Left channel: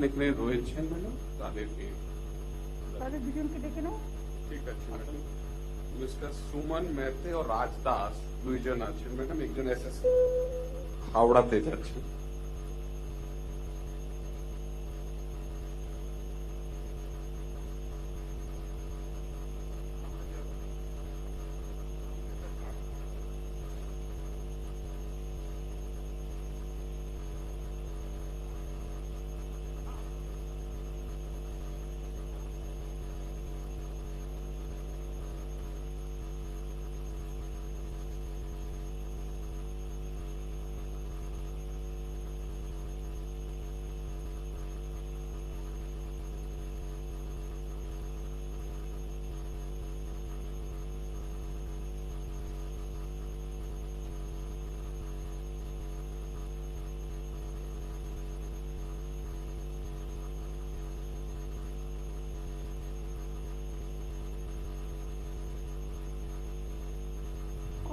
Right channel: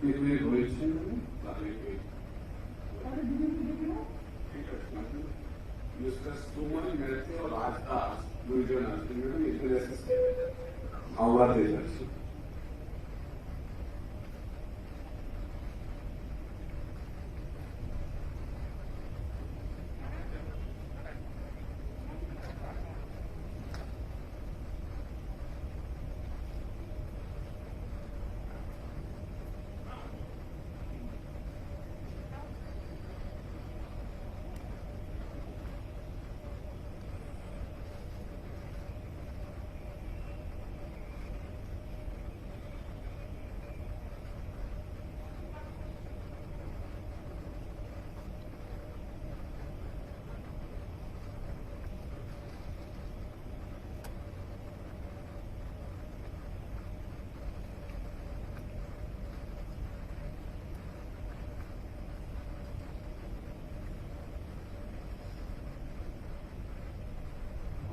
লিখ রয়েছে তাদেরকে ঠিক আছে মিস্টার সুমন মেহতে ও রাজ দাস দুইজন আছেন ম্যাডাম, একজন এসএসসি হাওড়াতে যাচ্ছে।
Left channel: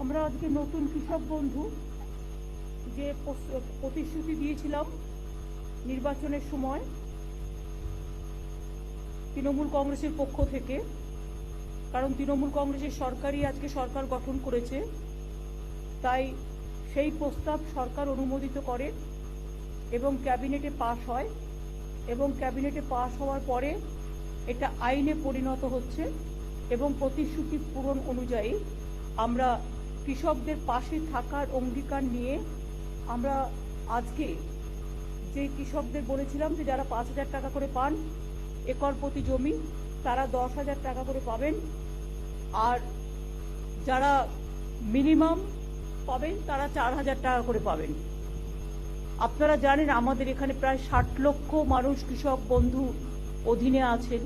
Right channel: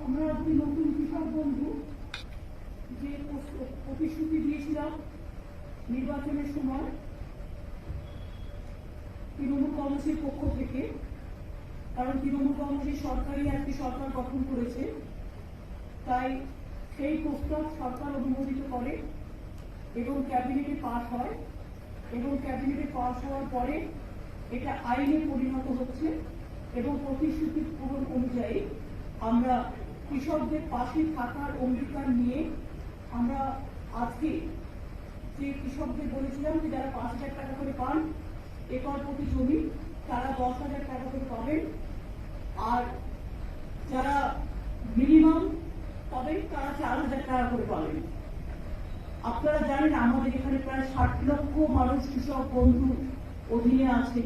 আমরা আজকে নতুন কৃষক বন্ধু যে প্রতিশ্রুতি দিয়েছিলাম নির্বাচনের সময় তৃণমূল কংগ্রেসের পক্ষ থেকে, কারণ তৃণমূল কংগ্রেসের সরকারই আজকে সরকার গঠন করেছে, তাই সেই প্রস্তাব সরকার অনুমোদিত করে এবং ক্যাবিনেটে পাস হয় এবং ক্যাবিনেটে পাস হওয়ার পরে এটা আইনে পরিণত হচ্ছে এবং প্রতিশ্রুতি পূরণ অনুযায়ী আমরা কৃষকদের পাশে থাকার অঙ্গীকার নিয়ে আমরা আজকে যে কৃষকদের বলেছিলাম যে যারা 5,000 টাকা করে পান একর প্রতি জমি, তারা 10,000 টাকা করে পাবেন, আর যারা মিনিমাম পাবেন তারা 4,000 টাকা করে পাবেন। আপনারা জানেন আমাদের এখানে প্রায় 60 লক্ষ মানুষ কৃষক বন্ধু অধীনে আছেন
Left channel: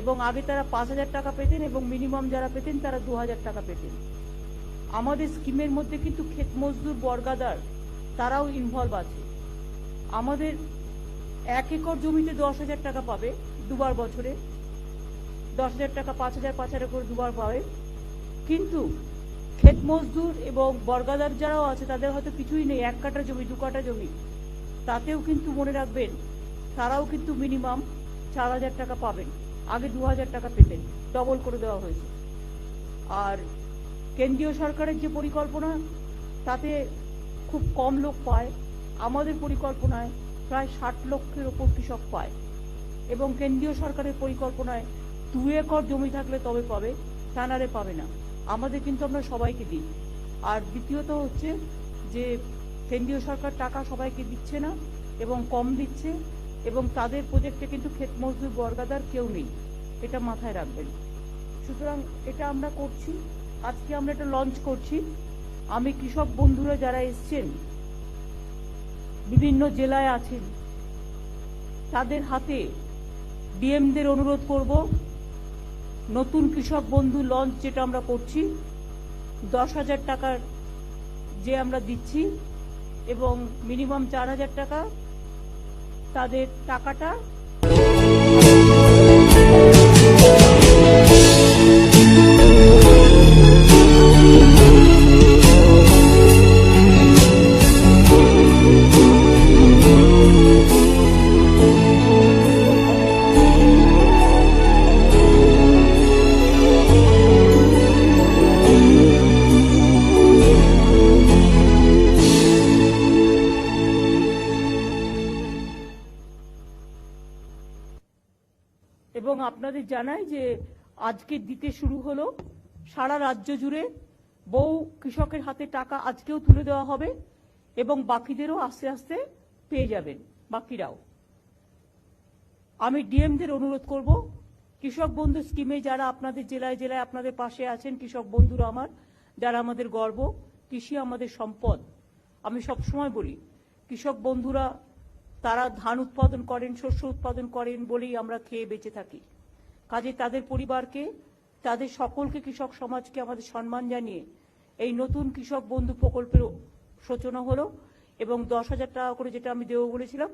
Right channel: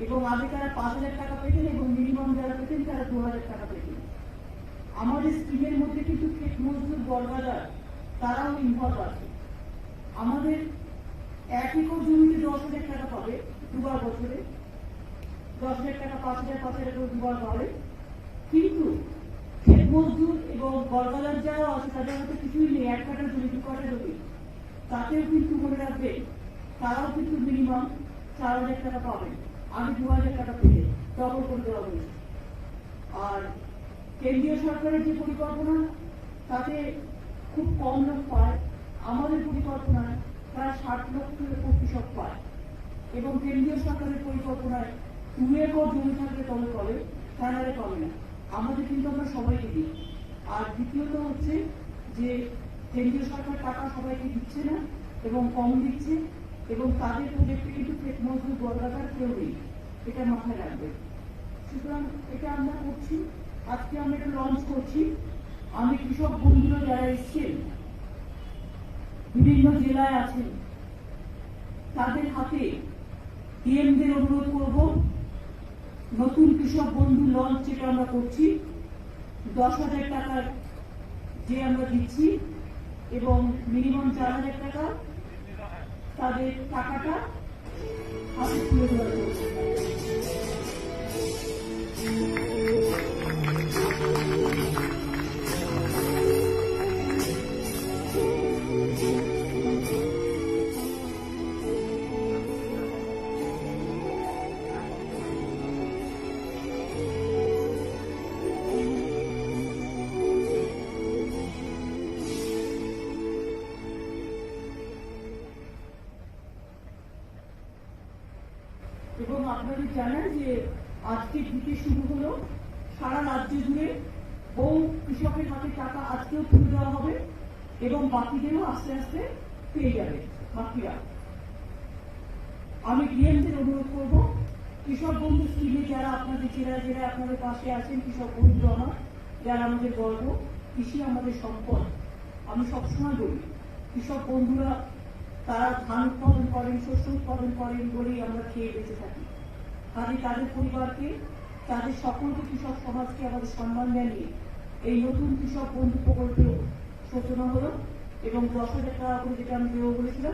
এবং আগে তারা 5,000 টাকা পেতেন এবং মিনিমাম যারা পেতেন তারা 2,000 টাকা পেতেন। আমাদের স্কিমের মধ্যে কিন্তু ক্ষেত মজদুর বর্গাদার তারাও ইনভলভ আছে। আমাদের 1 একর জমিতে 10,000 টাকা পাবে দুবার বছরে, 10,000 টাকা 5,000 করে দুবার পাবে, কিন্তু ক্ষেত মজদুর এবং বর্গাদার যারাও আছে তাদের হয়তো কিছুই নেই, 1 কাঠা জমি 2 কাঠা জমি, তাতেও কিন্তু মনে রাখবেন তারাও কিন্তু মিনিমাম 4,000 টাকা পাবেন। আগে 2,000 টাকা পেতে ডবল করে দেওয়া হয়েছে। আর কেন্দ্রীয় সরকারের যে পরিকল্পনা তাতে খুব কম লোক পায়, আমাদের পরিকল্পনায় প্রায় 60 লক্ষের উপর কৃষক পায় এবং কেন্দ্রীয় সরকারের পরিকল্পনায় 2 একর জমি থাকলে তবে পাবে, তা নারে পাবে না। আমাদের কিন্তু আমরা সবাইকে দিই। আর দ্বিতীয়ত হচ্ছে যে কেন্দ্রীয় সরকার টাকা সবাইকে দিচ্ছে না এবং কম দিচ্ছে এবং তাদের প্রজেক্টে কিন্তু ক্ষেত মজদুর বর্গাদার কেউ নেই, এটা মাথায় রাখবে। সুতরাং এটা আমরা করছি, আজকে আমরা এটা লঞ্চ করছি। আমি কৃষক বন্ধুরা যারা এসছেন বিভিন্ন জেলায় আছেন তাদের হাতে ডিএমদের অনুরোধ করব, নতুন কৃষক বন্ধু লঞ্চ যেটা আমরা করছি 10,000 টাকার যে আমরা দিচ্ছি এবং মিনিমাম 4,000 টাকা তাদের টাকাটা এবং আপনাদের জানান যে আজকে দিতে শুরু হলো সারা রাজ্য জুড়ে, বহু কৃষকের হাতে টাকা আজকেও তুলে দেওয়া হবে এবং বাকিদেরও আস্তে আস্তে পেয়ে যাবে বাকিরা। আমি ডিএমদের অনুরোধ করব, কৃষক বন্ধু স্কিমে যারা আপনাদের জেলায় জেলায় আপনাদের পাশে আছেন, কৃষক বন্ধু আমার যারা আমাদের গর্ব, কৃষি আমাদের সম্পদ। আমি সবসময় বলি কৃষক বন্ধুরা তারা ধান উৎপাদন করেন, শস্য উৎপাদন করেন বলেই আমরা খেয়ে বেঁচে থাকি। কাজে তাদের পরিবারকে, তাদের সকলকে, কৃষক সমাজকে আমাদের সম্মান জানিয়ে এই নতুন কৃষক বন্ধু প্রকল্পের সূচনা হলো এবং 10,000 টাকা করে যেটা আমি দেবো বলেছিলাম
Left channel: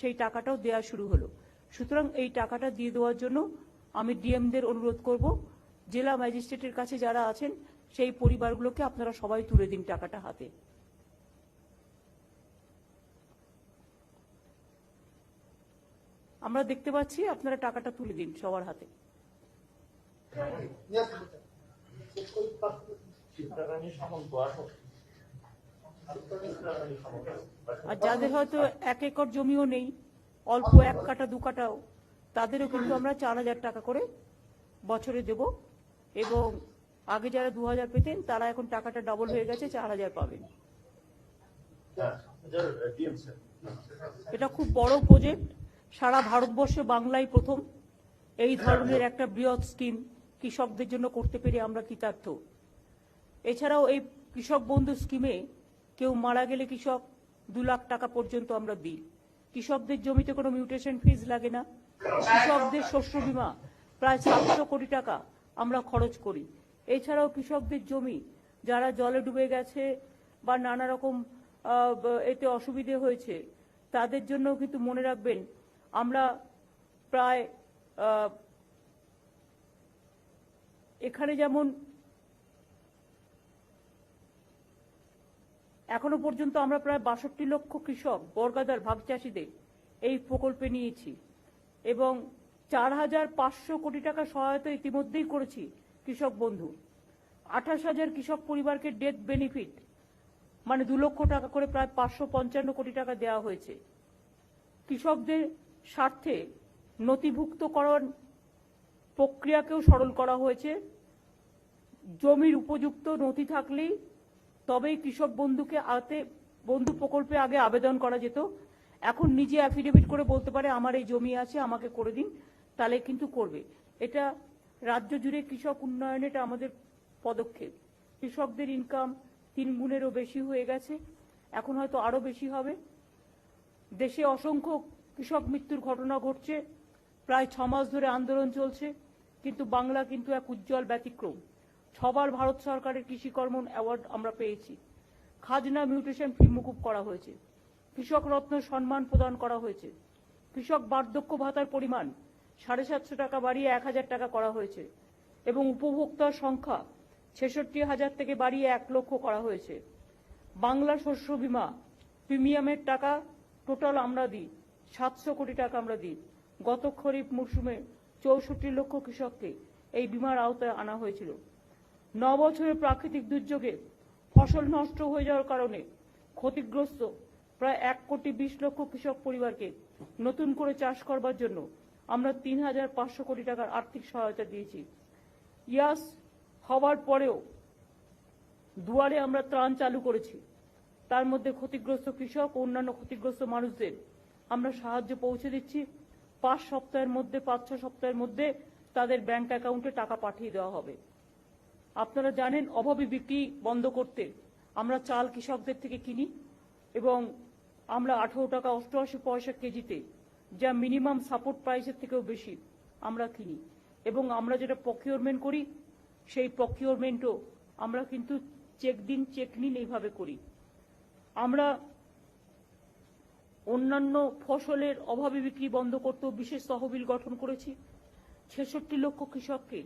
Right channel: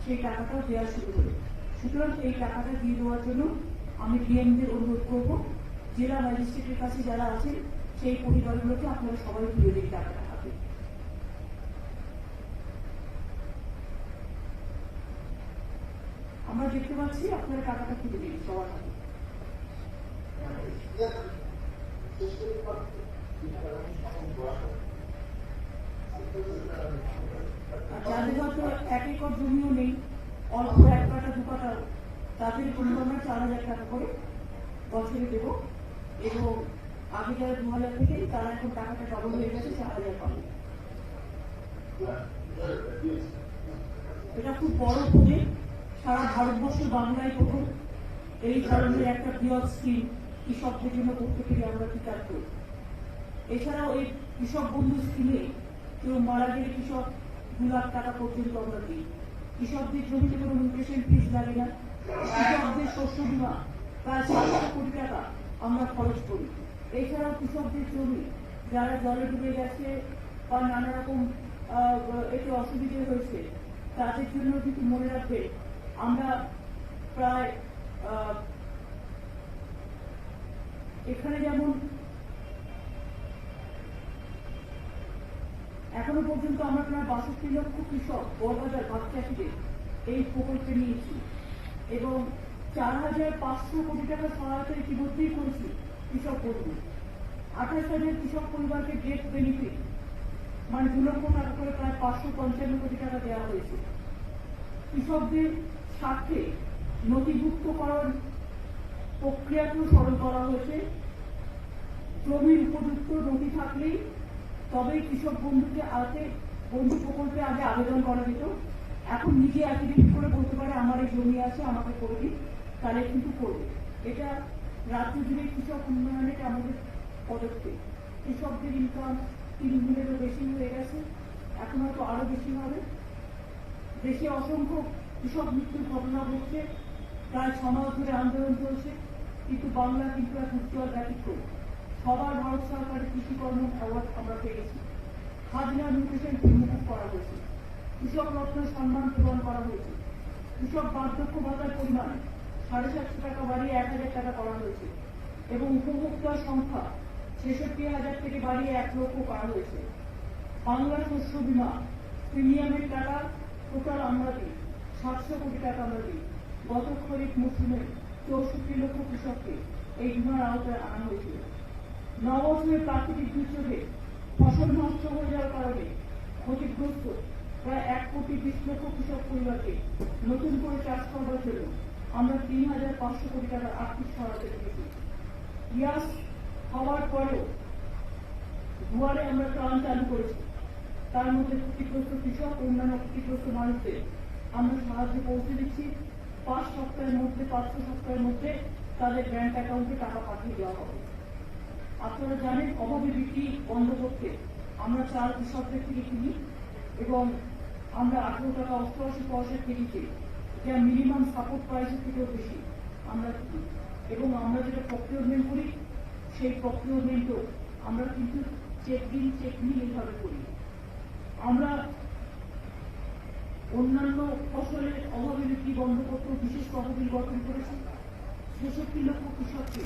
সেই টাকাটাও দেওয়া শুরু হলো। সুতরাং এই টাকাটা দিয়ে দেওয়ার জন্য আমি ডিএমদের অনুরোধ করব, জেলা ম্যাজিস্ট্রেটের কাছে যারা আছেন সেই পরিবারগুলোকে আপনারা সবাই তুলে দিন টাকাটা হাতে। আমরা দেখতে পাচ্ছি, আপনারা টাকাটা তুলে দিন সবার হাতে। আর যাদের হয়তো 1 একর জমিও নেই, অল্প 1 কাঠা 2 কাঠাও, তাদের কিন্তু আমরা 4,000 টাকা করে বছরে দেব। এবং আগে যারা 2,000 পেতেন তারা এখন টাকাটা ডাবল হয়ে গেছে, 4,000 পাবে। এটা খুব বড় প্রজেক্ট, সারা ভারতবর্ষে বাংলায় প্রথম এই ধরনের একটা বৃহৎ স্কিম কৃষকদের জন্য করতে পেরে আমরা কৃতার্থ। এছাড়াও এই কৃষক বন্ধু স্কিমে কেউ মারা গেলে কৃষক 2 লাখ টাকা পর্যন্ত আমরা দিই। কৃষকদের জমিতে কোনো মিউটেশন ফিস লাগে না। কৃষকদের শস্য বীমা প্রায় 700 কোটি টাকা আমরা খরচ করি। এছাড়াও কৃষকদের জমি যারা জলে ডুবে গেছে বা নানা রকম এতে অসুবিধে হয়েছে, তাদের জন্য কিন্তু মনে রাখবেন আমরা প্রায় এখানে যেমন এখনো পর্যন্ত আমরা প্রায় 62 লক্ষ কৃষক বর্গাদার ভাগ চাষিদের এই প্রকল্পে নিয়েছি এবং 4,500 কোটি টাকা সহায়তা ইতিমধ্যেই করেছি কৃষক বন্ধু। 28,000 কৃষক পরিবারকে ডেট বেনিফিট মানে 2 লক্ষ টাকা করে প্রায় 555 কোটি টাকা দেওয়া হয়েছে। কৃষকদের স্বার্থে নথিভুক্তকরণ প্রক্রিয়াকেও সরল করা হয়েছে। জমির উপযুক্ত নথি থাকলেই তবেই কৃষক বন্ধু প্রকল্পে আগে আবেদন করা যেত। এখন নিজে অ্যাফিডেভিট করে বলতে পারে আমার এই জমি আছে, আমাকে করে দিন, তাহলে কিন্তু করবে। এটা রাজ্য জুড়ে কৃষক উন্নয়নে এটা আমাদের পদক্ষেপ। কৃষকদের ইনকাম 3 গুণেরও বেশি হয়ে গেছে, এখন হয়তো আরো বেশি হবে। দেশে অসংখ্য কৃষক মৃত্যুর ঘটনা ঘটছে, প্রায় 6 মাস ধরে আন্দোলন চলছে, কিন্তু বাংলা কিন্তু এক উজ্জ্বল ব্যতিক্রম। সবার ভারত সরকারের কৃষি কর্ম অ্যাওয়ার্ড আমরা পেয়েছি। খাজনা মিউটেশন ফি মুকুব করা হয়েছে, কৃষক রত্ন সম্মান প্রদান করা হয়েছে, কৃষক বার্ধক্য ভাতার পরিমাণ 750 টাকা বাড়িয়ে 1,000 টাকা করা হয়েছে এবং উপভোক্তার সংখ্যা 66,000 থেকে বাড়িয়ে 1 লক্ষ করা হয়েছে। বাংলা শস্য বীমা প্রিমিয়ামের টাকা টোটাল আমরা দিই 700 কোটি টাকা আমরা দিই। গত খরিফ মৌসুমে 64 লক্ষ কৃষককে এই বীমার আওতায় আনা হয়েছিল। 9 বছরের প্রাকৃতিক দুর্যোগে ফসল নষ্ট হয়ে যাওয়ার কারণে ক্ষতিগ্রস্ত প্রায় 1,20 লক্ষ কৃষক পরিবারকে নতুন করে চাষ করবার জন্য আমরা 3,500 কোটি টাকার আর্থিক সহায়তা দিয়েছি। ইয়াস হওয়ার পরেও দুয়ারে আমরা ত্রাণ চালু করেছি, তার মধ্যে ক্ষতিগ্রস্ত কৃষক ও অন্যান্য ক্ষতিগ্রস্ত মানুষদের আমরা সাহায্য পৌঁছে দিচ্ছি। 5 সপ্তাহের মধ্যে 5-6 সপ্তাহের মধ্যে তাদের ব্যাংক অ্যাকাউন্টে টাকা পাঠিয়ে দেওয়া হবে। আপনারা জানেন অভাবী বিক্রি বন্ধ করতে আমরা চাল কৃষকদের থেকে কিনি এবং আমরা 18 টাকা 88 পয়সা কেজিতে, যা মিনিমাম সাপোর্ট প্রাইসের থেকেও বেশি আমরা কিনি এবং আমরা যেটা প্রকিউরমেন্ট করি সেই প্রকিউরমেন্টও আমরা কিন্তু চেক নিন এইভাবে করি। আমরা অন্যান্য ফসলের অভাবী বিক্রি বন্ধ করতেও বিশেষ তহবিল গঠন করেছি। 66 লক্ষ কৃষককে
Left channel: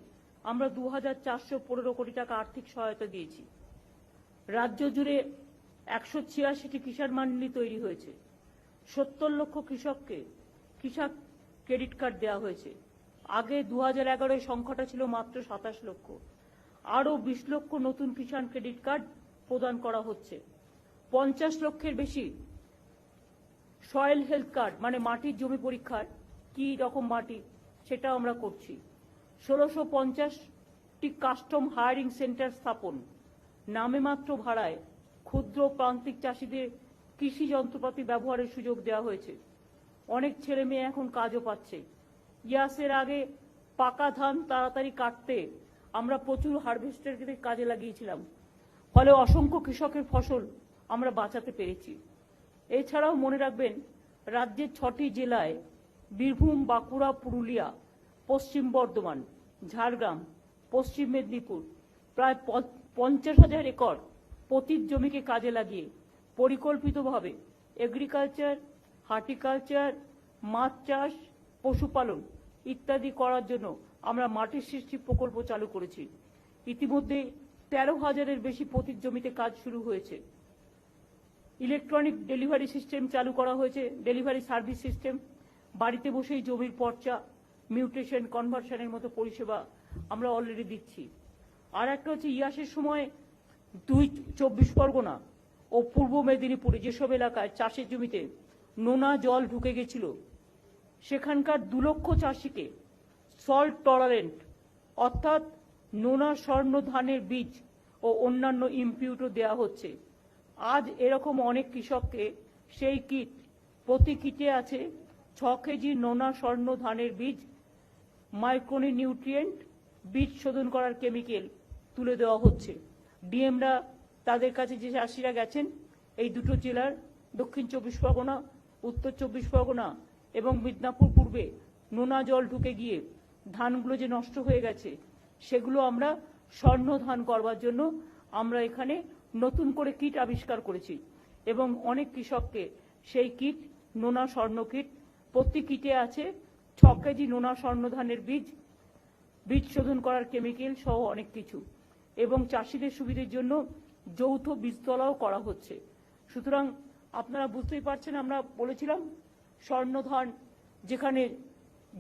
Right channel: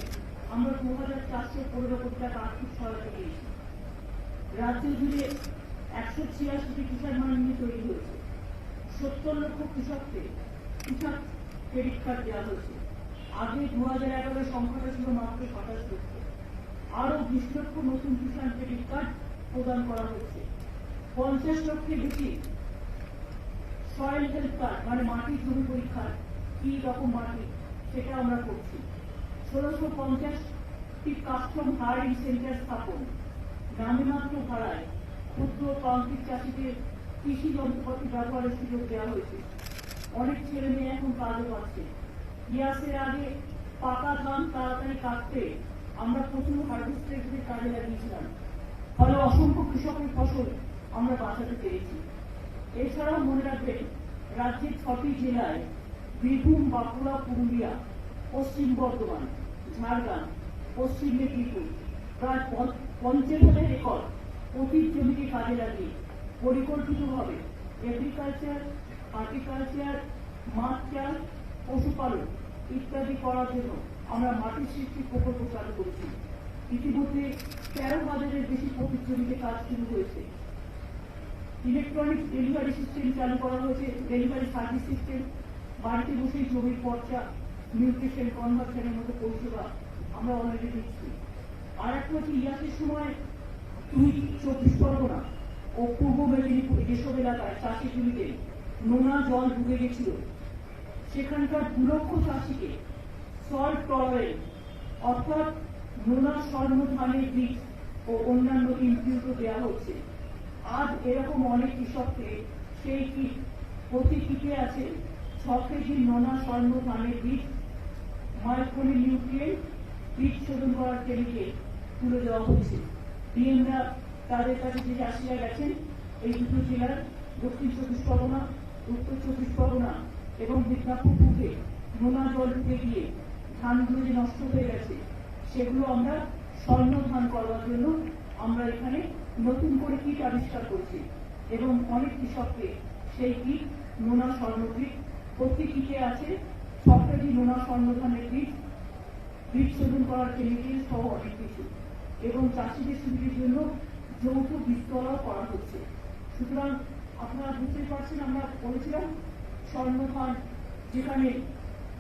আমরা 2,415 কোটি টাকা আর্থিক সহায়তা দিয়েছি। রাজ্য জুড়ে 186টি কিষাণ মান্ডি তৈরি হয়েছে। 70 লক্ষ কৃষককে কৃষক ক্রেডিট কার্ড দেওয়া হয়েছে। আগে 2011 সংখ্যাটা ছিল মাত্র 27 লক্ষ। আরো 20 লক্ষ নতুন কিষাণ ক্রেডিট কার্ড প্রদান করা হচ্ছে। 50 লক্ষের বেশি সয়েল হেলথ কার্ড মানে মাটির জমি পরীক্ষার কি রকম মাটি সেটা আমরা করছি। 1650টি কাস্টম হায়ারিং সেন্টার স্থাপন, নামে মাত্র ভাড়ায় ক্ষুদ্র প্রান্তিক চাষিদের কৃষি যন্ত্রপাতি ব্যবহারের সুযোগ দেওয়া হয়েছে। অনেক ছেলে মেয়ে এখন কাজও পাচ্ছে। ইয়াসের আগে পাকা ধান তাড়াতাড়ি কাটতে আমরা প্রচুর হারভেস্টারদের কাজে লাগিয়েছিলাম, ফলে অসংখ্য কৃষকের ফসল আমরা বাঁচাতে পেরেছি। এছাড়াও মনে রাখবেন রাজ্যের 6টি জেলায় বীরভূম, বাঁকুড়া, পুরুলিয়া, পশ্চিম বর্ধমান, ঝাড়গ্রাম, পশ্চিম মেদিনীপুর প্রায় 50,000 একর পতিত জমিকে কাজে লাগিয়ে পরিকল্পিতভাবে এগ্রিকালচার, হর্টিকালচার, মাছ চাষ, পশুপালন ইত্যাদি করার জন্য আমরা মাটির সৃষ্টি প্রকল্প চালু করেছি। ইতিমধ্যে 13,000-এর বেশি পতিত জমিতে কাজ শুরু হয়েছে। ইলেকট্রনিক ডেলিভারি সিস্টেম চালু করা হয়েছে, ডেলিভারি সার্ভিস সিস্টেম, বাড়িতে বসেই জমির পর্চা, মিউটেশন, কনভার্সনের মতো পরিষেবা আমরা অলরেডি দিচ্ছি। আর একটা হচ্ছে ইয়াসের সময় 24 পরগনা ও পূর্ব মেদিনীপুরে যেসব এলাকায় চাষের জমিতে নোনা জল ঢুকে গেছিল, সেখানকার 2 লক্ষ চাষিকে সল্ট টলারেন্ট অর্থাৎ নোনা স্বর্ণ ধানের বীজ ও অন্যান্য ইনপুটও দেওয়া হচ্ছে। আজ এরকম অনেক কৃষককে সেই কিট, প্রতি কিটে আছে 6 কেজি নোনা স্বর্ণ ধানের বীজ, মাইক্রোনি নিউট্রিয়েন্ট, বীজ শোধন করার কেমিক্যাল তুলে দেওয়া হচ্ছে। ডিএমরা তাদের কাছে যে চাষিরা গেছেন এই দুটো জেলার দক্ষিণ 24 পরগনা, উত্তর 24 পরগনা এবং মিদনাপুর পূর্বে নোনা জল ঢুকে গিয়ে ধানগুলো যে নষ্ট হয়ে গেছে সেগুলো আমরা স্বর্ণ ধান করবার জন্য আমরা এখানে নতুন করে কিট আবিষ্কার করেছি এবং অনেক কৃষককে সেই কিট, নোনা স্বর্ণ কিট, প্রতি কিটে আছে 6 কেজি নোনা স্বর্ণ ধানের বীজ, বীজ শোধন করার কেমিক্যাল সহ অনেক কিছু, এবং চাষিদের সুবিধার জন্য যৌথ বীজতলাও করা হচ্ছে। সুতরাং আপনারা বুঝতেই পারছেন, আমরা বলেছিলাম স্বর্ণ ধান যেখানে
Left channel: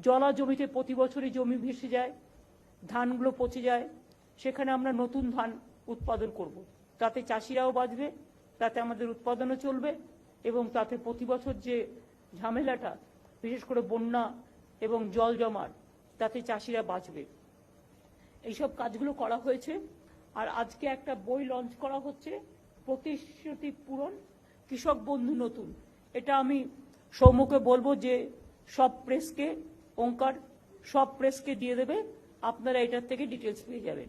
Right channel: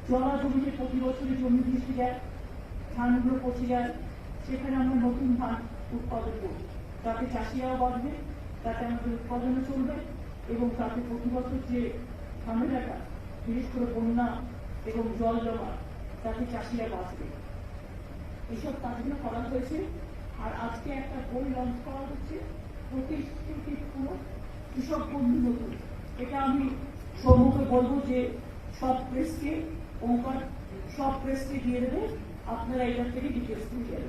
জলা জমিতে প্রতি বছরই জমি ভেসে যায়, ধানগুলো পচে যায়, সেখানে আমরা নতুন ধান উৎপাদন করব, তাতে চাষিরাও বাঁচবে, তাতে আমাদের উৎপাদনও চলবে এবং তাতে প্রতি বছর যে ঝামেলাটা, বিশেষ করে বন্যা এবং জল জমা, তাতে চাষিরা বাঁচবে। এইসব কাজগুলো করা হয়েছে। আর আজকে একটা বই লঞ্চ করা হচ্ছে, প্রতিশ্রুতি পুরো, কৃষক বন্ধু নতুন। এটা আমি সৌম্যকে বলবো যে সব প্রেসকে, ওঙ্কার সব প্রেসকে দিয়ে দেবে, আপনারা এখান থেকে ডিটেলস দিয়ে যাবেন।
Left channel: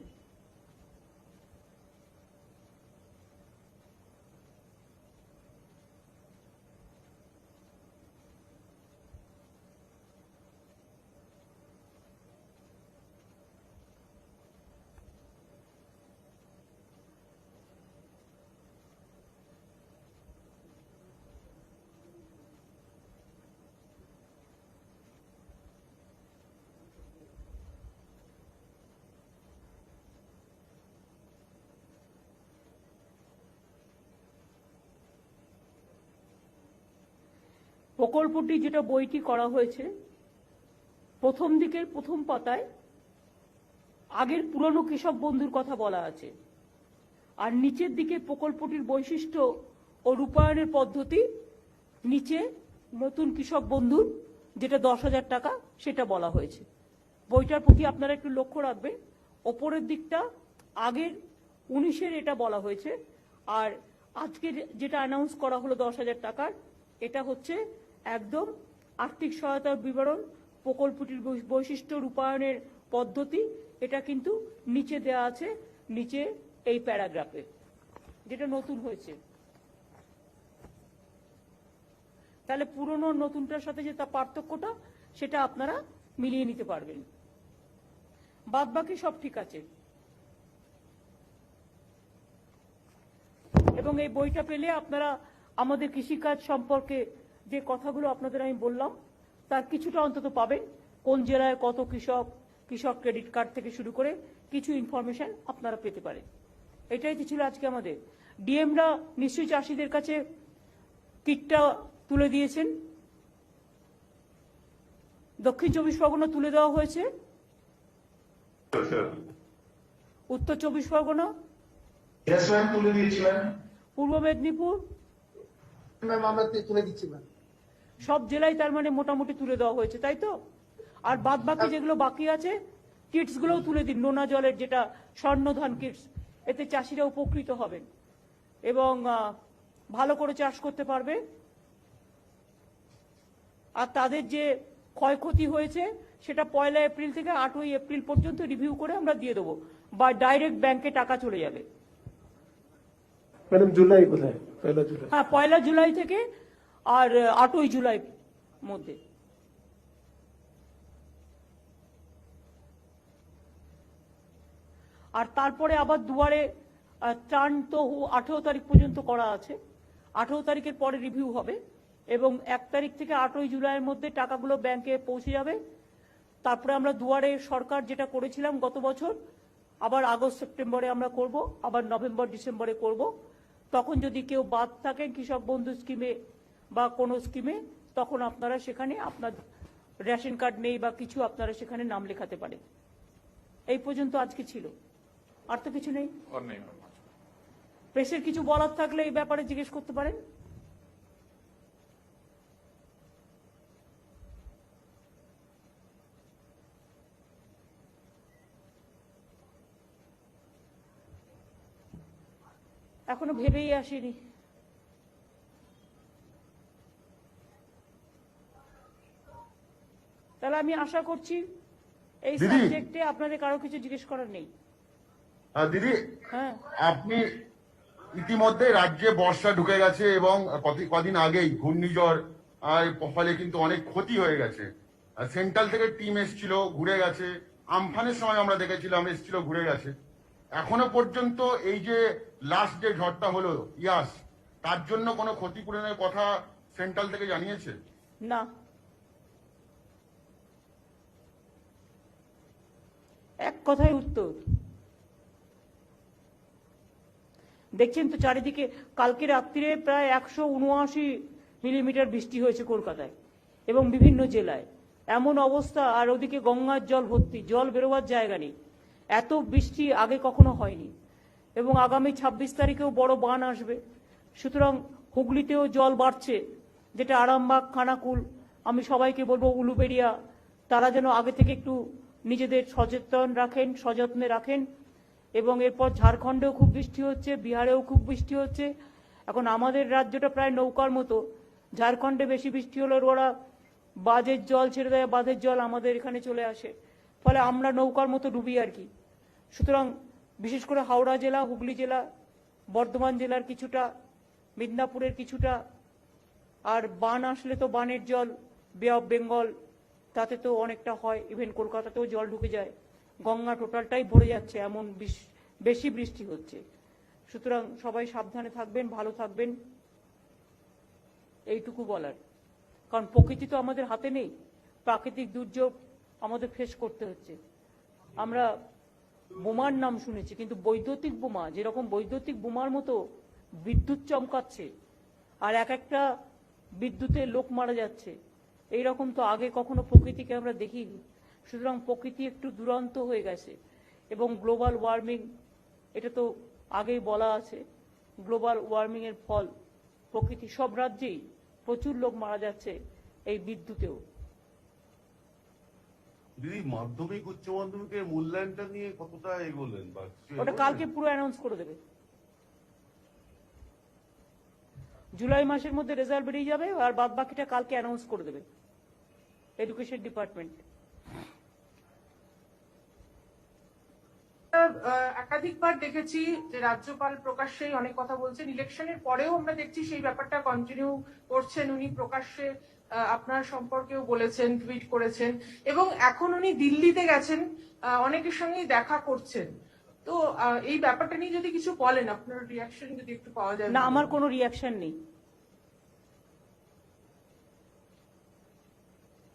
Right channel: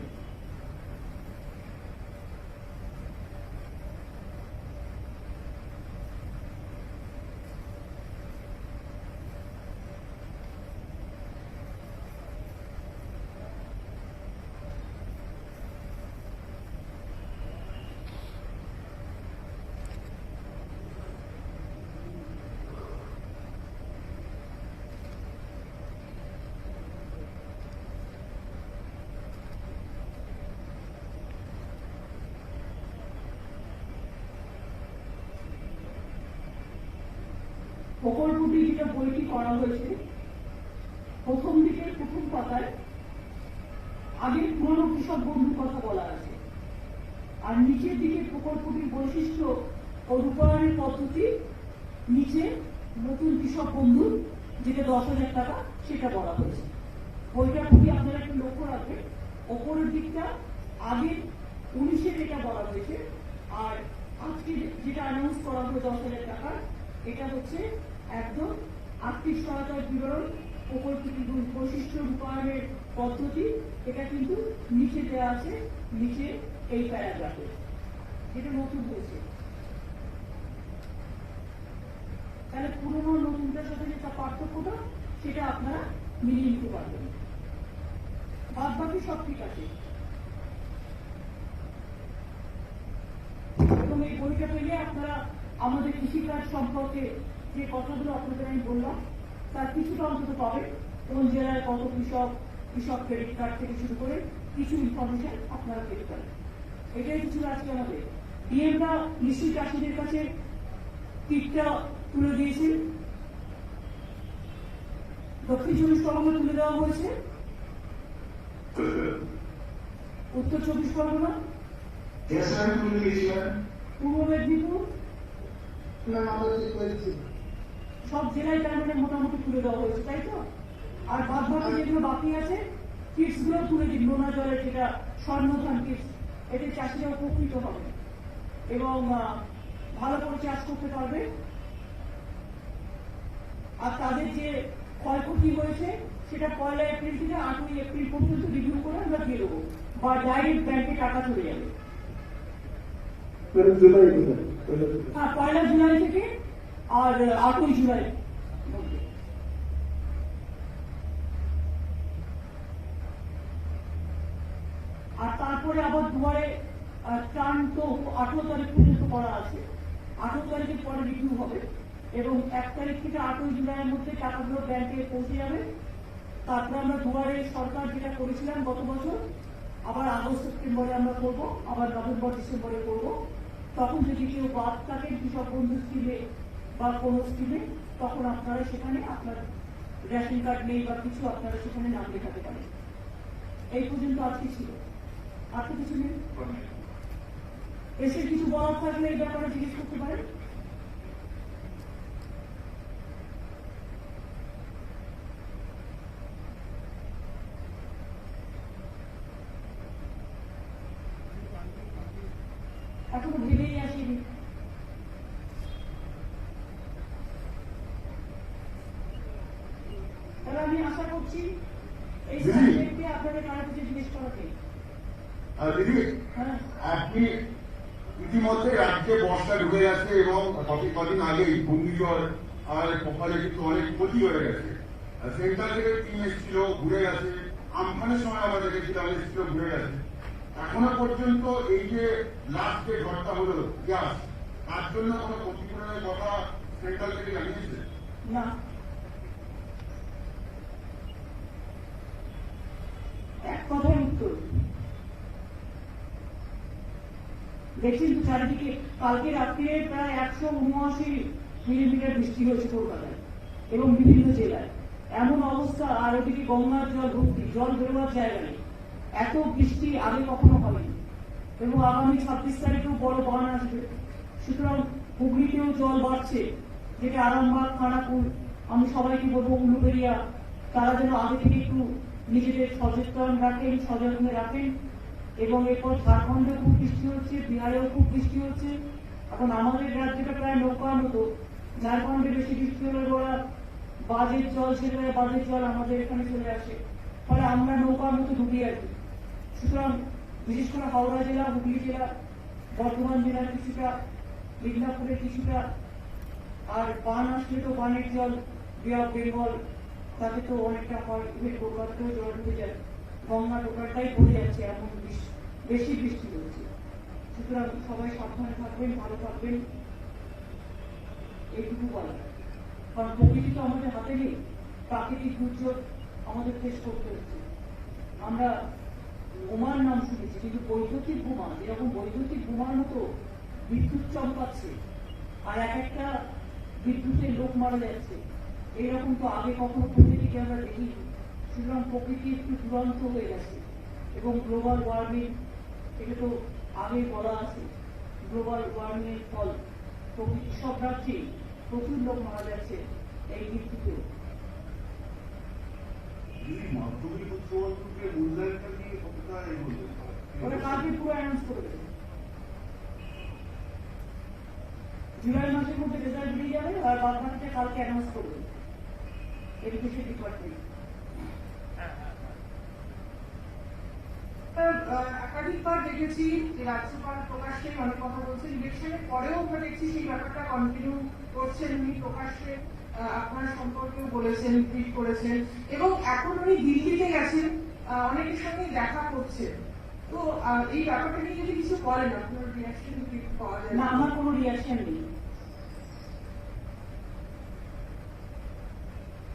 প্রকল্পটি যেটা বইটি করা হয়েছে, প্রথম দিকের প্রথম পাতায় আগের পুরনো কৃষক বন্ধুর কথা বলা আছে, আর নিচের দিকে প্রকল্পটির বৈশিষ্ট্য ও রূপায়ণের পদ্ধতি, নিচে নতুন কৃষক বন্ধু যেটা 10,000 টাকা সেটা বলা হয়েছে। বইটার প্রতি আপনারা একটু লক্ষ্য রাখবেন, ওপরের দিকটা আগে 19-এর এটা বলা হয়েছে, আর আজকে যেটা অ্যানাউন্স করা হলো 10,000 টাকার, এটা হচ্ছে একদম আর্থিক সহায়তার বিবরণ, প্রকল্পটির বৈশিষ্ট্য, রূপায়ণের পদ্ধতি, এটা কিন্তু নিচে দেওয়া আছে, নিচে এই প্যারাগ্রাফে, এটা নতুন হয়েছে। তাহলে পুরনো নতুনটার সাথে যে তার পার্থক্যটা সেটা আপনারা মিলিয়ে নিতে পারবেন। বাদ বাকি সব ঠিক আছে। এবং এই বইটা পেলে আপনারা আমাদের কৃষিকাজ সম্পর্কে যে কথাগুলো আপনাদের আমি বললাম তার কিছুটা অন্তত পাবেন। কোন জেলায় কত কৃষক ক্রেডিট কার্ড থেকে শুরু করে কিছু ইনফরমেশন আপনারা পেতে পারেন। এটাই ছিল আজকে আমাদের। ডিএমরা নিশ্চয়ই চাষিদের কাছে কিটটা তুলে দিয়েছেন। দক্ষিণ 24 পরগনা তুলে দেওয়া হয়েছে, উত্তর 24 পরগনা, তুলে দিয়েছিলেন, পূর্ব মেদিনীপুর, সব জেলায় তার মানে মোটামুটি তুলে দেওয়া হয়েছে, তাই তো? আর বাদ বাকি যেগুলো বাকি আছে কিটস গুলোও তুলে দিন, নোনা জলের যেটা স্বর্ণধান কিটস, এতে চাষিরা উপকৃত হবে এবং ভালো করে চাষ করতে পারবে। আর তাদের যে ক্ষয়ক্ষতি হয়েছে সেটা 1 এপ্রিল থেকে 8 এপ্রিল পর্যন্ত রিভিউ করে আমরা দিয়ে দেবো, বা ডাইরেক্ট ব্যাংকে টাকা চলে যাবে। জুলাই, হ্যাঁ, 1 জুলাই থেকে আর 8 জুলাই মধ্যে। আর তারপরে আবার দুয়ারে টার্ন তো 18 তারিখ পর্যন্ত করা আছে, 18 তারিখের পরে রিভিউ হবে এবং 1 তারিখ থেকে 8 জুলাইয়ের মধ্যে টাকাগুলো ব্যাংকে পৌঁছে যাবে। তারপরে আমরা দুয়ারে সরকার যেটা করেছিলাম গত বছর, আবার আগস্ট সেপ্টেম্বরে আমরা করব, আবার নভেম্বর ডিসেম্বরে করব। তখন যদি কেউ বাদ থাকে কৃষক বন্ধু স্কিমে বা কোনো স্কিমে, তখন আপনারা সেখানে আপনার রেশন কার্ড নেই বা কিছু, আপনারা সেখানে নাম লেখাতে পারেন। এই পর্যন্ত আজকে ছিল, আর তো কিছু নেই। প্রেসের কিছু বলার থাকলে এই ব্যাপারে জিজ্ঞেস করতে পারেন। এখনো ভেবেই আসেনি। তাহলে আমি আশা করছি এই সাবজেক্টে আপনাদের কারো কিছু জিজ্ঞেস করার নেই। দিদি, হ্যাঁ, আপনি ইতিমধ্যে রাজ্যে বর্ষা ঢুকে গেছে এবং কদিন আগেই ঘূর্ণিঝড় আর ফলে কিন্তু অনেক ক্ষতি হয়ে গেছে। সেন্ট্রাল থেকে টিম এসেছিল, ঘুরে গেছে। আমফানের সময় আমরা দেখেছিলাম এসেছিল, ঘুরে গেছে। এখনো পর্যন্ত এই যে লাস্ট যে ঝড়টা হলো ইয়াস, তার জন্য কোনো ক্ষতিপূরণের কথা সেন্ট্রাল থেকে জানিয়েছে? না, এক কথায় উত্তর। দেখছেন তো চারিদিকে, কালকে রাত্রিরে প্রায় 179 মিলিমিটার বৃষ্টি হয়েছে কলকাতায় এবং বিভিন্ন জেলায়। এমন অবস্থা, আর ওদিকে গঙ্গার জল ভর্তি, জল বেরোবার জায়গা নেই। এত বৃষ্টি আগে কখনো হয়নি এবং আগামী 26 তারিখেও বড় বান আসবে। সুতরাং হুগলিতেও জল বাড়ছে, যেটা আরামবাগ, খানাকুল, আমি সবাইকে বলবো উলুবেড়িয়া, তারা যেন আগে থেকে একটু নিজেদের সযত্নে রাখেন। এবং এরপর ঝাড়খণ্ডেও খুব বৃষ্টি হচ্ছে, বিহারেও খুব বৃষ্টি হচ্ছে। এখন আমাদের রাজ্যটা প্রায় নৌকার মতো। ঝাড়খণ্ডে বেশি বৃষ্টি হলে ওরা বাঁধের জল ছেড়ে দেয়, বাঁধের জল আমাদের এখানে চলে আসে, ফলে আমরা নৌকার মতো ডুবি আছি। সুতরাং বিশেষ করে হাওড়া জেলা, হুগলি জেলা, বর্ধমান জেলার কিছুটা, মিদনাপুরের কিছুটা, আর বান আসলে তো বানের জল বে অফ বেঙ্গল, তাতে তো অনেকটা হয়। ইভেন কলকাতাতেও জল ঢুকে যায়, গঙ্গা টোটালটাই ভরে যাচ্ছে, এমন বেশি বৃষ্টি হচ্ছে। সুতরাং সবাই সাবধানে থাকবেন, ভালো থাকবেন, এইটুকু বলার। কারণ প্রকৃতি তো আমাদের হাতে নেই, প্রাকৃতিক দুর্যোগ আমাদের ফেস করতে হচ্ছে। আমরা বোমার নাম শুনেছি, কিন্তু বৈদ্যুতিক বোমা, যেরকম বৈদ্যুতিক বোমার মতো বিদ্যুৎ চমকাচ্ছে আর এক একটা বিদ্যুতে লোক মারা যাচ্ছে, এইরকম তো আগে কখনো প্রকৃতিকে আমরা দেখিনি। সুতরাং প্রকৃতি একটু দুরন্ত হয়ে গেছে এবং গ্লোবাল ওয়ার্মিং, এটা তো আগেই বলা আছে, গ্লোবাল ওয়ার্মিং এর ফল প্রকৃতি, সব রাজ্যেই প্রচুর লোক মারা যাচ্ছে এই বিদ্যুতেও। মাধ্যমিক উচ্চ মাধ্যমিকের মূল্যায়নটা নিয়ে কতটা এগোলো? ওটা কালকে পুরো অ্যানাউন্স করে দেবে। জুলাই মাসের মধ্যে রেজাল্ট বেরিয়ে যাবে আর বাকিটা কালকে অ্যানাউন্স করে দেবে এডুকেশন ডিপার্টমেন্ট। একাধিকবার দেখেছি যে রাজ্যপাল প্রকাশ্যে অনেক কথা বলছেন, ইলেকশনের পরেও আমরা দেখছি সেই ব্যাপারটা কন্টিনিউ করছেন। উনি প্রকাশ্যে আপনার সম্পর্কেও বলেছেন, টুইট করেছেন, এবং এখন উনি দিল্লিতে গেছেন, অনেকের সঙ্গে দেখা করছেন। তো এই ব্যাপারটা নিয়ে যদি কিছু বলেন, আপনার রিয়াকশন যদি একটু পাওয়া যায়। না, আমার কোনো রিয়াকশন নেই।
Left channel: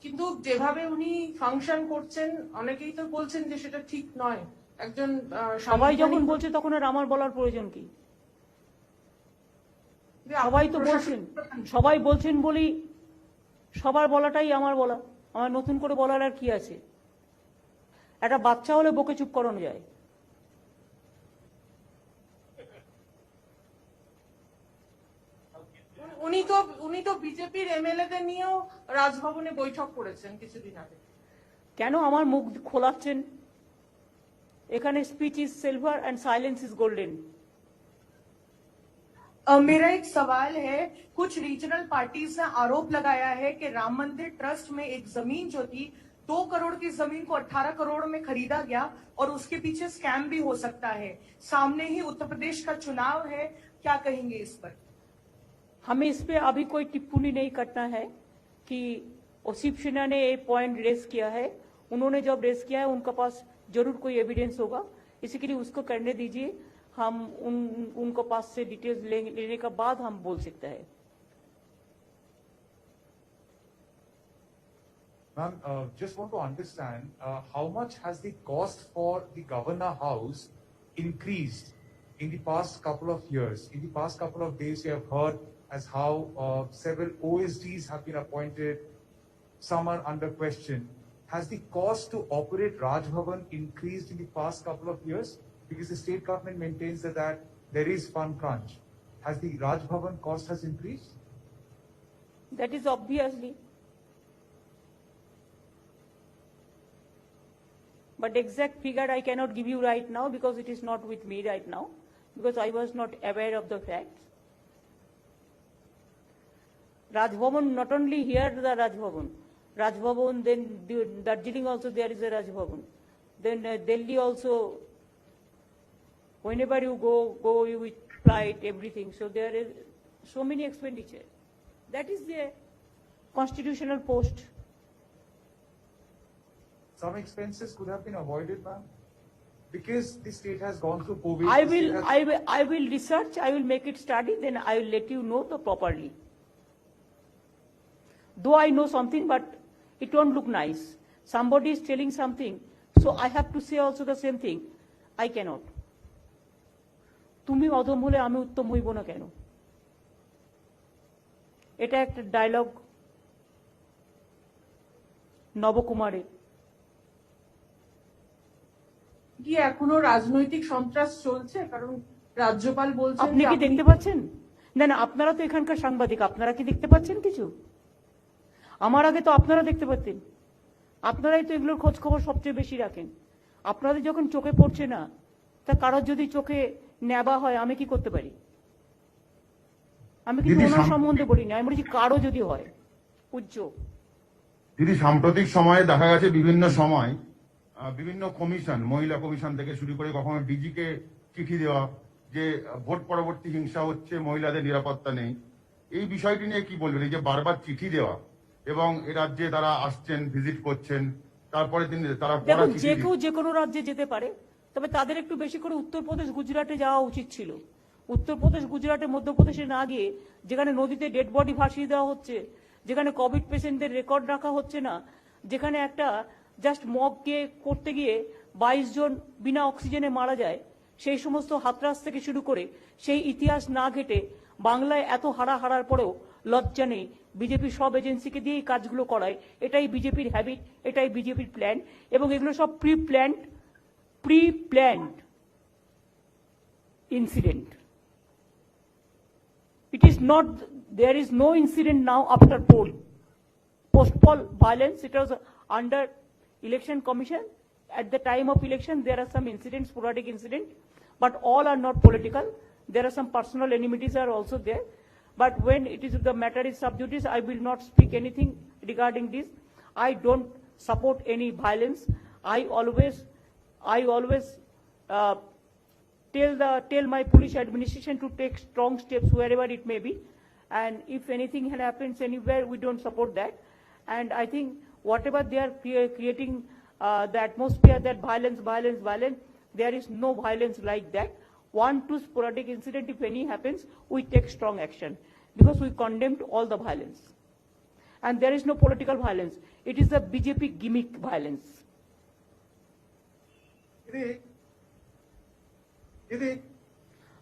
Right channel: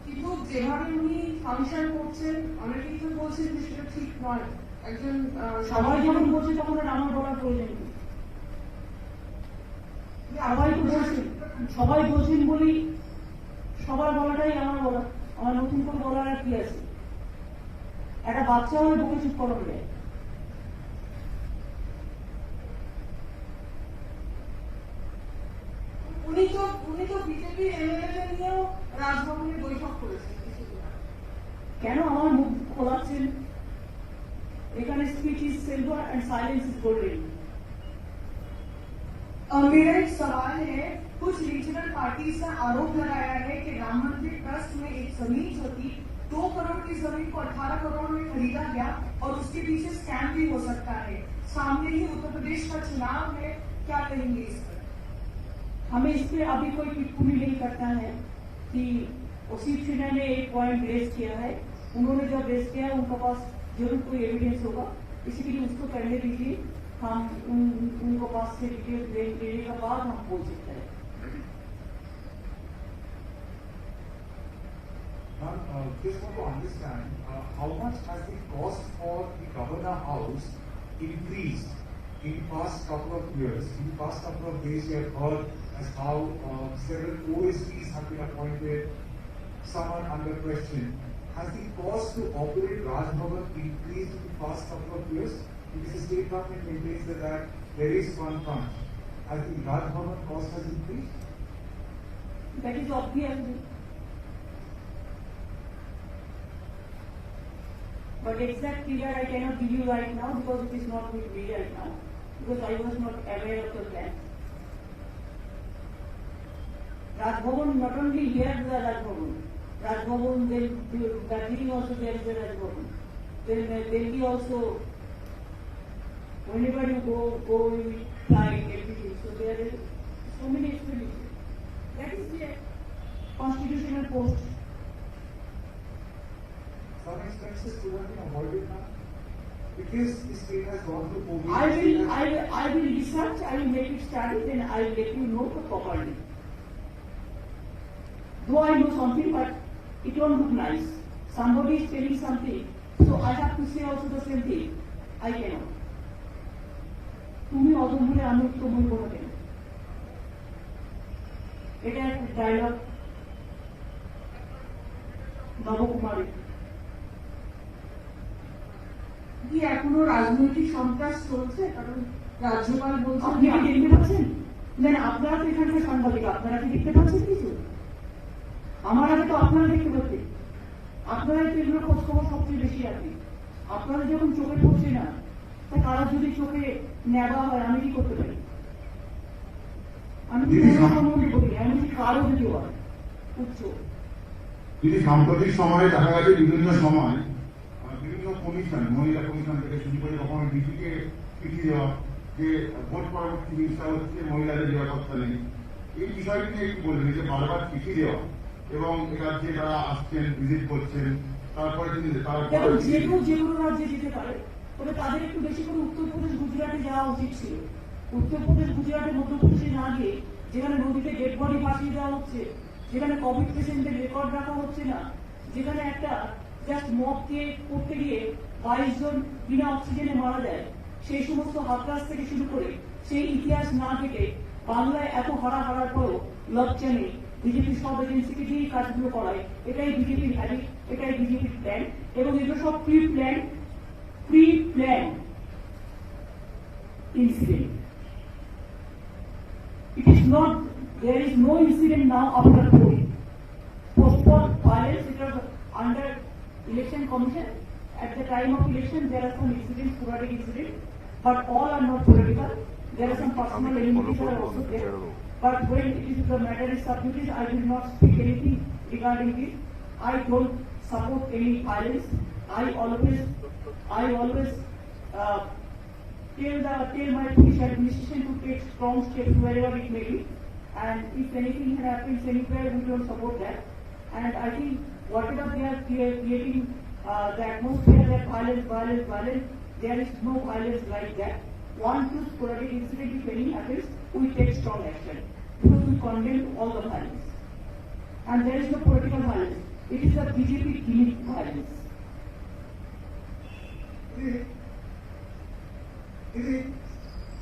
কিন্তু যেভাবে উনি ফাংশন করছেন, অনেকেই তো বলছেন যে সেটা ঠিক নয়। একজন সবাই যখন বলছে তখন আর আমার বলার প্রয়োজন নেই। সবাই তো বলছেন, সবাই বলছেন বলি সবার বলাটাই আমার বলা। আমার নতুন করে বলার আর কি আছে? একটা বাচ্চা হলে বকে চুপ করানো যায়। উনি তো বিজেপির এমএলএদের নিয়েও রাজভবনে বৈঠক করেছেন কিছুদিন আগে। কেন আমার মুখ খোলাচ্ছেন? এখানে speech is silver and silence is golden. मेरा एक सवाल है, कुछ रीजनल पार्टीज ने आरोप लगाया है कि राम मंदिर ट्रस्ट में एक जमीन जो थी 2 करोड़ की जमीन को 18 करोड़ में खरीदा गया और उसके पीछे स्कैम भी हो सकता है। सामने ही उत्तर प्रदेश का चुनाव है, क्या कहेंगे इस पर? हमें इस पे अभी कोई टिप्पणी नहीं करना है कि शिव सेना ने एक पॉइंट रेज किया है। उन्होंने जब रेज किया है उनके पास जरूर कोई एविडेंस होगा, इसी के लिए उसको करने दीजिए। हम उनको पास से डिटेल्स लेने के बाद हम बोल सकते हैं। Ma'am, just want to understand how much has the cost for the Governor House increased in the past couple of years? In the past couple of days, we have heard as how several OSDs have been appointed someone under question, has the cost to operate Raj Bhavan increased in the past couple of years? Because the state government maintains that there is fund crunch. Has the Raj Bhavan cost has increased? That is obviously. But exact figure I cannot give you right now because it is not with me right now, because I was not aware of the facts. Raj Bhavan, not only here the Raj Bhavan, then Darjeeling also there is a Raj Bhavan. Then Delhi also, whenever you go you will flight, everything. So there is so many expenditure. That is a constitutional post. Some expenses could have been avoided now because the state has gone through COVID. I will research. I will make it started. Then I will let you know properly. Though I know something, but it won't look nice. Somebody is telling something, so I have to say also the same thing. I cannot. তুমি অদম বলে আমি উত্তম হইব না কেন? এটা একটা dialogue নবকুমারের। কি এখনো রাজনৈতিক সন্ত্রাস চলছে? কারণ রাজ্যপাল বলছেন আপনি কি দেখতে পাচ্ছেন? না না, আপনারা তো এখানকার সাংবাদিক, আপনারা কি দেখতে পাচ্ছেন কিছু? আমার আগে তো আপনারা দেখতে পাচ্ছেন। আপনারাই তো এগুলোর খোঁজ খবর সবচেয়ে বেশি রাখেন। আপনাদের যখন চোখে পড়ছে না, তা কারোর যদি চোখে নেবা হয় আমি কি করতে পারি? আমি কি কোনো সম্বন্ধে বলি না, আমি বলছি কারো যদি হয় উচ্চ। দিদি, সাম্প্রতিক সময়ে দেখা গেছে বিভিন্ন সময় বিভিন্ন কমিশন, মহিলা কমিশন থেকে শুরু করে কখনো ডিজিকে চিঠি দেওয়া যে ভোট পরবর্তী হিংসা হচ্ছে, মহিলাদের নিরাপত্তা নেই, এই বিষয়টি নিয়ে কি বলবেন? যে বারবার চিঠি দেওয়া এবং রাজ্যে তারা আসছেন, ভিজিট করছেন, তারপরে তারা যে কেউ যে কোনো রাজ্যে যেতে পারে, তবে তাদের একটু বেশি করে উত্তরপ্রদেশ গুজরাটে যাওয়া উচিত ছিল। উত্তরপ্রদেশ গুজরাটে মধ্যপ্রদেশে না গিয়ে, যেখানে নদীতে ডেড বডি ভাসিয়ে দেওয়া হচ্ছে, যেখানে কোভিড পেশেন্টদের রেকর্ড রাখা হচ্ছে না, যেখানে একটা জাস্ট মবকে করতে গিয়ে 22 জন বিনা অক্সিজেনে মারা যায়, সেই সমস্ত হাতরাস থেকে শুরু করে সেই ইতিহাস না ঘেটে বাংলায় এত হারার পরেও লজ্জা নেই। বিজেপির সব এজেন্সিকে দিয়েই কাজগুলো করায়। এটাই বিজেপির হ্যাবিট, এটাই বিজেপির প্ল্যান, এবং এগুলো সব pre plan incident. It is not, there is no incident now after polling. Postponed violence, it was under election commission. At the time of election, there are some incidents, sporadic incidents, but all are not political. There are some personal enmities are also there. But when it is the matter is sub judice, I will not speak anything regarding this. I don't support any violence. I always tell my police administration to take strong steps wherever it may be, and if anything happens anywhere, we don't support that. And I think whatever they are creating the atmosphere that violence, there is no violence like that. 1-2 sporadic incident, if any happens, we take strong action because we condemn all the violence, and there is no political violence. It is a BJP gimmick violence.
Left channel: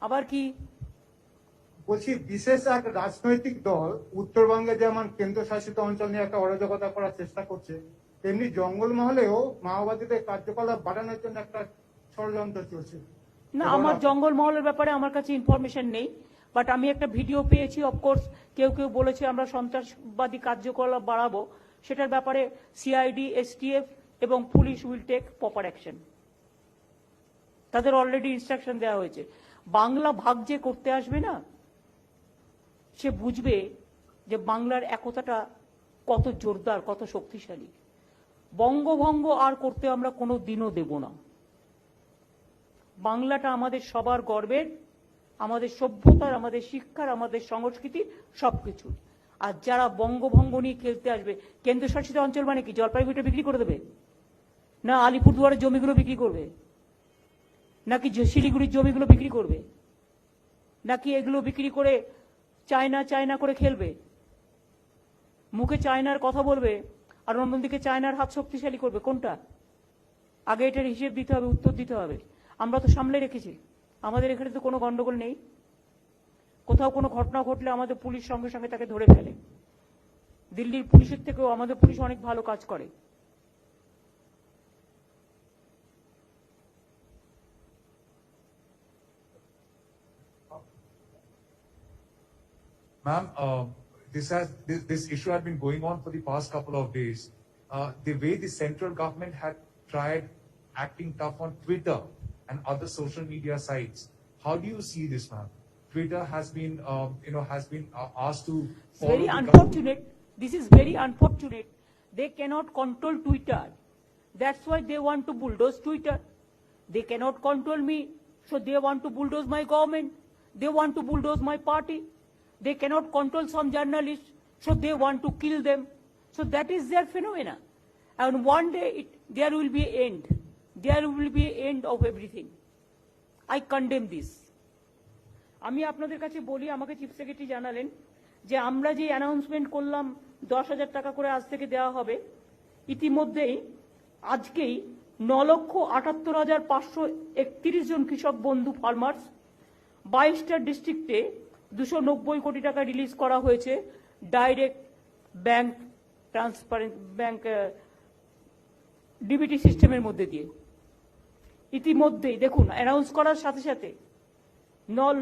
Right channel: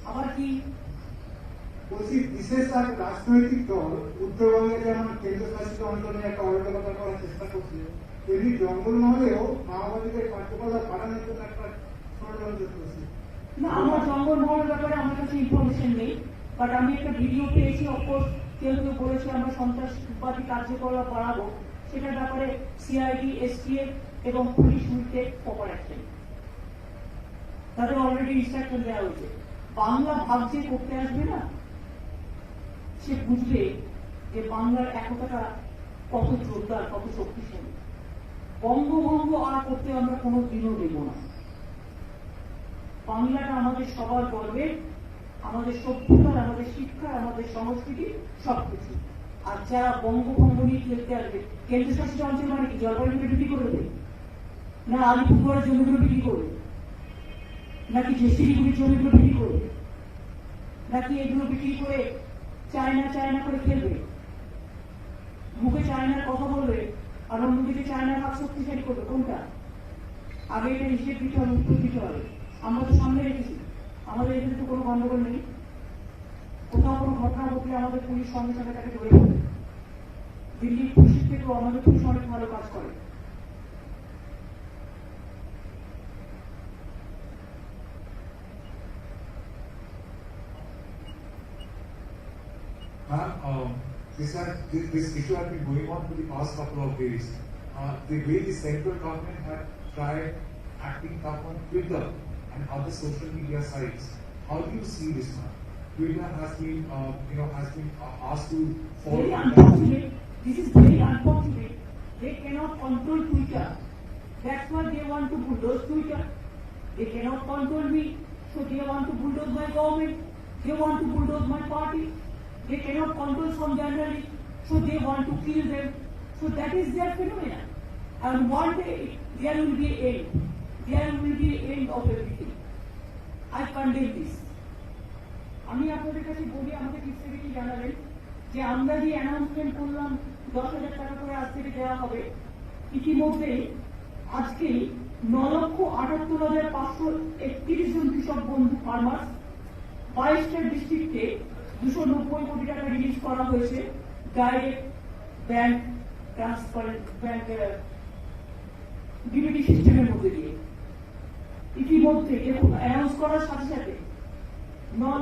আবার কি বলছি, বিশেষ এক রাজনৈতিক দল উত্তরবঙ্গে যেমন কেন্দ্রশাসিত অঞ্চলে একটা অরাজকতা করার চেষ্টা করছে, তেমনি জঙ্গলমহলেও মাওবাদীদের কার্যকলাপ বাড়ানোর জন্য একটা ষড়যন্ত্র চলছে। না, আমার জঙ্গলমহলের ব্যাপারে আমার কাছে ইনফরমেশন নেই, বাট আমি একটা ভিডিও পেয়েছি। অফকোর্স কেউ বলেছে আমরা সন্ত্রাসবাদী কার্যকলাপ বাড়াবো, সেটার ব্যাপারে সিআইডি, এসটিএফ এবং police will take proper action. তাদের অলরেডি ইনস্ট্রাকশন দেওয়া হয়েছে। বাংলা ভাগ যে করতে আসবে না, সে বুঝবে যে বাংলার একতাটা কত জোরদার, কত শক্তিশালী। বঙ্গভঙ্গ আর করতে আমরা কোনো দিনও দেব না। বাংলাটা আমাদের সবার গর্বের, আমাদের সভ্যতার, আমাদের শিক্ষার, আমাদের সংস্কৃতি, সবকিছু। আর যারা বঙ্গভঙ্গ নিয়ে খেলতে আসবে, কেন্দ্রশাসিত অঞ্চল মানে কি জলপাইগুড়িটা বিক্রি করে দেবে, না আলিপুরদুয়ারের জমিগুলো বিক্রি করবে, নাকি শিলিগুড়ির জমিগুলো বিক্রি করবে, নাকি এগুলো বিক্রি করে চায়না করে খেলবে? মুখে চায়নার কথা বলবে আর অন্যদিকে চায়নার হাত শক্তিশালী করবে। কোনটা? আগে এটার হিসেব দিতে হবে, উত্তর দিতে হবে। আমরা তো সামনে রেখেছি, আমাদের এখানে তো কোনো গন্ডগোল নেই। কোথাও কোনো ঘটনা ঘটলে আমাদের পুলিশ সঙ্গে সঙ্গে তাকে ধরে ফেলবে। দিল্লির পুলিশের থেকেও আমাদের পুলিশ অনেক ভালো কাজ করে। Ma'am, this issue has been going on for the past couple of days. The way the central government had tried acting tough on Twitter and other social media sites, how do you see this, ma'am? Twitter has been, asked to follow. Very unfortunate. This is very unfortunate. They cannot control Twitter. That's why they want to bulldoze Twitter. They cannot control me, so they want to bulldoze my government. They want to bulldoze my party. They cannot control some journalists, so they want to kill them. So that is their phenomena. And one day there will be end. There will be end of everything. I condemn this. আমি আপনাদের কাছে বলি, আমাকে chief secretary জানালেন যে আমরা যে announcement করলাম 10,000 টাকা করে আজ থেকে দেওয়া হবে, ইতিমধ্যেই আজকেই 9,78,531 জন কৃষক বন্ধু ফার্মার্স 22টা ডিস্ট্রিক্টে 290 কোটি টাকা রিলিজ করা হয়েছে direct bank transparent bank DBT সিস্টেমের মধ্যে দিয়ে। ইতিমধ্যেই দেখুন অ্যানাউন্স করার সাথে সাথে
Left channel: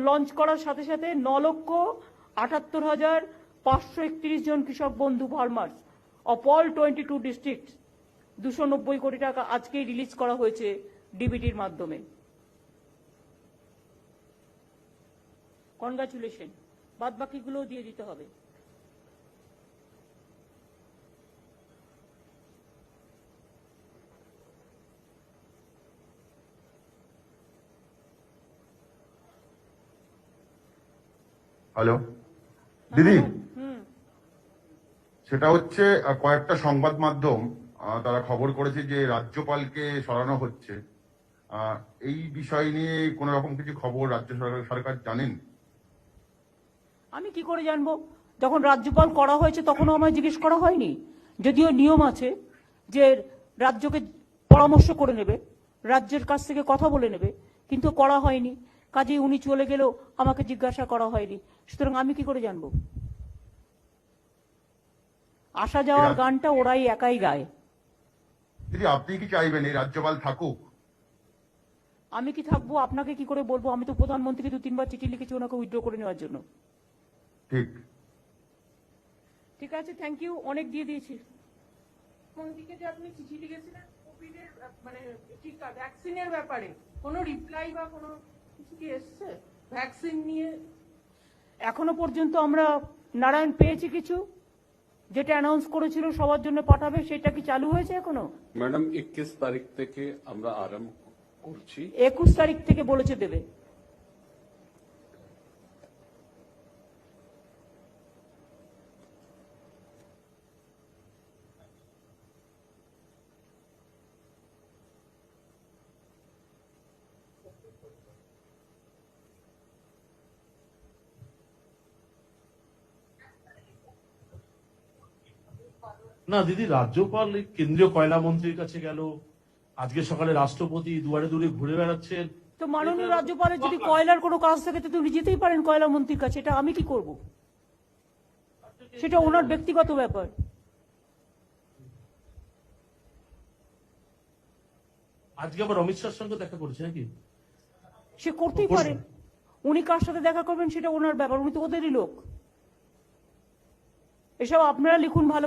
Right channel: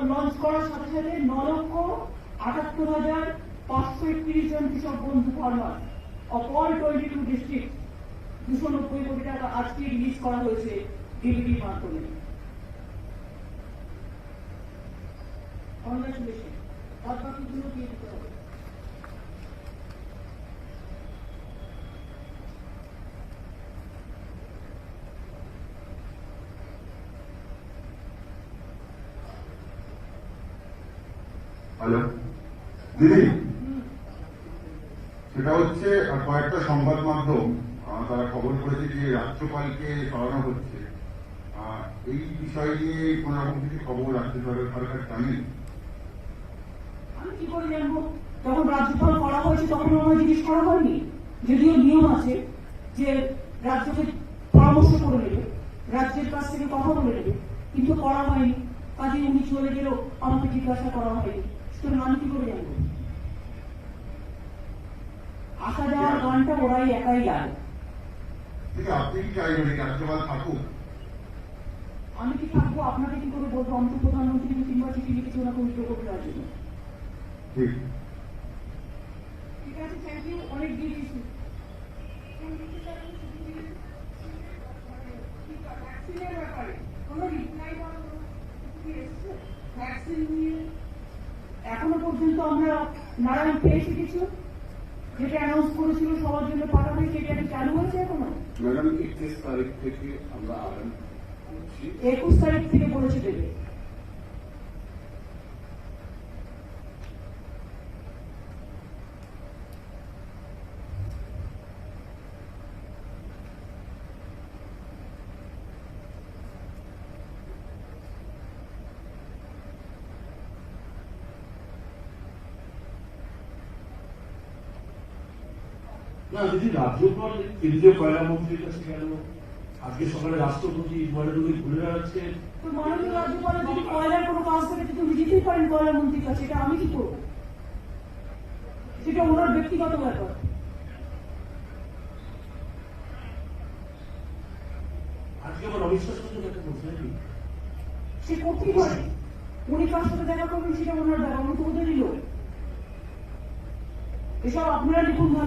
লঞ্চ করার সাথে সাথে 9,78,531 জন কৃষক বন্ধু ফার্মার অফ অল 22 ডিস্ট্রিক্ট 290 কোটি টাকা আজকেই রিলিজ করা হয়েছে ডিবিটির মাধ্যমে। কনগ্রাচুলেশন। বাদ বাকিগুলো দিয়ে দিতে হবে। হ্যালো দিদি, সেটা হচ্ছে কয়েকটা সংবাদ মাধ্যম তারা খবর করেছে যে রাজ্যপালকে সরানো হচ্ছে। এই বিষয় নিয়ে কোন রকম কিছু খবর রাজ্য সরকার জানেন? আমি কি করে জানবো? যখন রাজ্যপাল করা হয়েছে তখন আমায় জিজ্ঞেস করা হয়নি। যদিও নিয়ম আছে যে রাজ্যকে পরামর্শ করে নেবে, রাজ্যের কাছ থেকে কথা বলে নেবে, কিন্তু করা হয়নি। কাজে উনি চলে গেলেও আমাকে জিজ্ঞাসা করা হয়নি, সুতরাং আমি কি করে জানবো? আসা যাওয়ার গানটা ওরাই একাই গায়। আপনি কি চাইবেন এই রাজ্যপাল থাকুক? আমি কি থাকবো আপনাকে কি করে বলবো? আমি তো প্রধানমন্ত্রী 2-3 বার চিঠি লিখেছি ওনাকে উইথড্র করে নেওয়ার জন্য। ঠিক আছে, থ্যাংক ইউ। অনেক দিয়ে দিয়েছি। ভ্যাকসিনের ব্যাপারে কোনো রিপ্লাই বা কোনো কি এসেছে ভ্যাকসিন নিয়ে? এখনো পর্যন্ত আমরা নারায়ণ পেয়েছি কিছু, যেটা অ্যানাউন্স করেছিল সবার জন্য পাঠাবে, সেটাকে চালু হয়েছে এখনো? ম্যাডাম 21 তারিখ থেকে আমরা আরম্ভ করছি। 21 তারিখ থেকে বলেছে দেবে। না দিদি, রাজ্যপাল কেন্দ্রীয় কয়লা মন্ত্রীর কাছে গেল, আজকে সকালে রাষ্ট্রপতি দুয়ারে দুয়ারে ঘুরে বেড়াচ্ছেন। তো মাননীয় রাজ্যপালের যদি কয়লার কোনো কাজ থাকে তো উনি যেতেই পারেন কয়লা মন্ত্রীর কাছে। এটা আমি কি করবো? সেটা ওনার ব্যক্তিগত ব্যাপার। আজকে আবার অমিত শাহর সঙ্গে দেখা করছে নাকি? সে করতেই পারে। উনি কার সাথে দেখা করবেন সেটা ওনার ব্যাপার, উনি তো হতে দিল। এসব আপনারা লিখুন ভালো।